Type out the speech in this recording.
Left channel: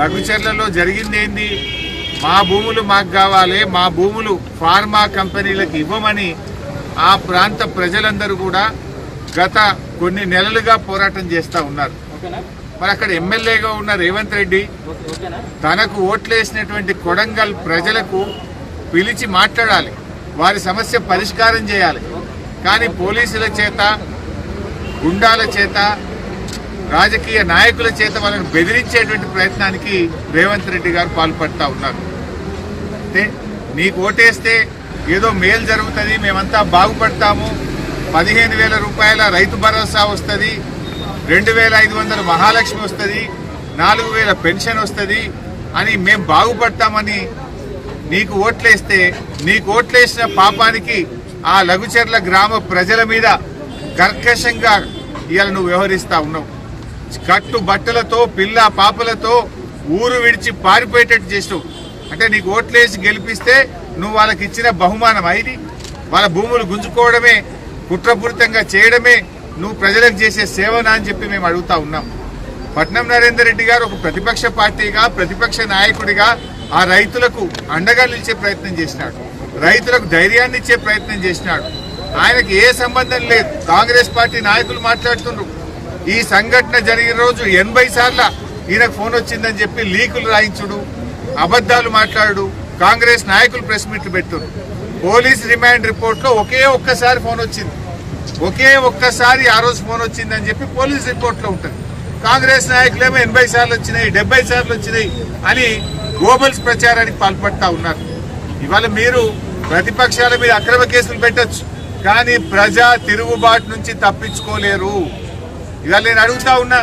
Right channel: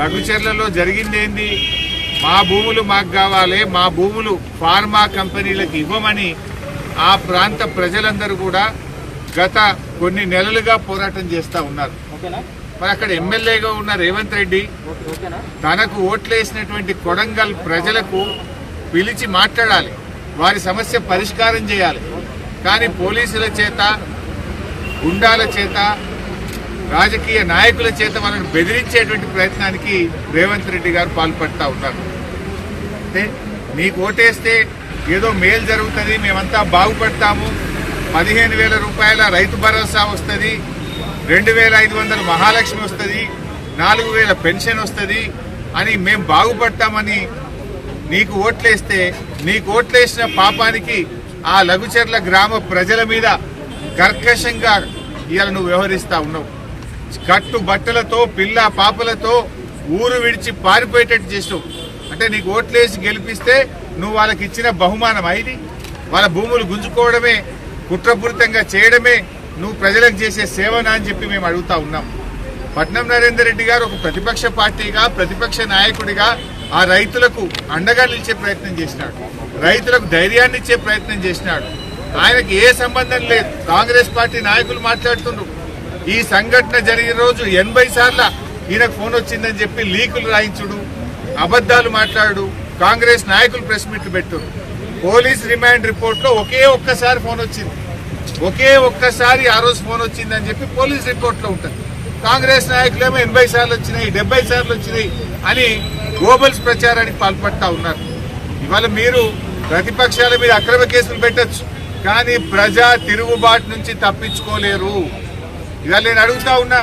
లఘుచర్లలో జరిగింది ఏంది? మా భూములు మాకు కావాలి మా భూములు ఫార్మా కంపెనీలకు ఇవ్వమని ఆ ప్రాంత ప్రజలందరూ కూడా గత కొన్ని నెలలుగా పోరాటం చేస్తా ఉన్నారు. మరి అక్కడ ఎమ్మెల్యేగా ఉన్న రేవంత్ రెడ్డి తనకు ఓట్లేసినటువంటి కొడంగల్ ప్రజలకు పిలిచి మాట్లాడాలి. వారి సమస్య పరిష్కారం చేయాలి. కానీ పోలీసుల చేత గుండాల చేత రాజకీయ నాయకుల చేత వాళ్ళని బెదిరించేటువంటి ప్రయత్నానికి రేవంత్ రెడ్డి గారు పాల్పడతా ఉన్నారు. అంటే నీకు ఓటేస్తే ఏదో మేలు జరుగుతుంది మేమంతా బాగుపడతాము పదిహేను వేల రూపాయల రైతు భరోసా వస్తుంది రెండు వేల ఐదు వందల మహాలక్ష్మి వస్తుంది నాలుగు వేల పెన్షన్ వస్తుంది అని మేము బాగుపడతామని నీకు ఓట్లేస్తే నీకు ఓట్లేసిన పాపానికి ఆ లఘుచర్ల గ్రామ ప్రజల మీద కర్కశంగా ఇవాళ నువ్వు వ్యవహరిస్తా ఉన్నావు. కట్టు బట్టలతో పిల్ల పాపలతో ఊరు విడిచి పారిపోయేటట్టు చేసినావు. అంటే నీకు ఓట్లేసి గెలిపిస్తే నువ్వు వాళ్ళకి ఇచ్చిన బహుమానం అయింది. వాళ్ళ భూములు గుంజుకోవడమే కుట్రపూరితంగా చేయడమే నువ్వు ప్రజలకు చేసే సేవనా అని చెప్పి మేము అడుగుతా ఉన్నాం. పట్నం నరేందర్ రెడ్డి గారు ఒక ప్రతిపక్ష పార్టీగా ప్రతిపక్ష నాయకుడిగా ఆ రైతులకు అండగా నిలిచే ప్రయత్నం చేసినాడు. రైతులకు ధైర్యాన్ని ఇచ్చే ప్రయత్నం చేసినాడు. ఆయనకి ఏ సంబంధం లేదు. కాంగ్రెస్ పార్టీ నాయకులు మాట్లాడుతుండ్రు. ఈ సంఘటన జరిగిన రోజు ఎనభై సార్ల ఈయనకు ఫోన్ వచ్చిందని చెప్పి లీకులు రాయించుడు అబద్దాలు మాట్లాడు కాంగ్రెస్ నాయకులు ప్రెస్ మీట్ పెట్టురు పోలీస్ రిమాండ్ రిపోర్ట్లో ఒకే ఒక్కసారి ఫోన్ వచ్చింది. ఒకే ఒక్కసారి ఆ రోజు ఫోన్ వచ్చిందని చెప్పి పోలీస్ రిపోర్ట్లో ఉంటుంది. కాంగ్రెస్ నాయకులేమో ఎనభై సార్లు వచ్చినాయి డెబ్బై సార్లు వచ్చినాయి అని గ్లోబల్స్ ప్రచారానికి పాల్పడతా ఉన్నారు. ఇవాళ మీరు ప్రతిపక్షాల మీద అక్రమ కేసులు పెట్టచ్చు కానీ ప్రజా తిరుగుబాటు నుంచి తప్పించుకోలేరు. ఇవాళ నేను అడుగుతా ఉన్నా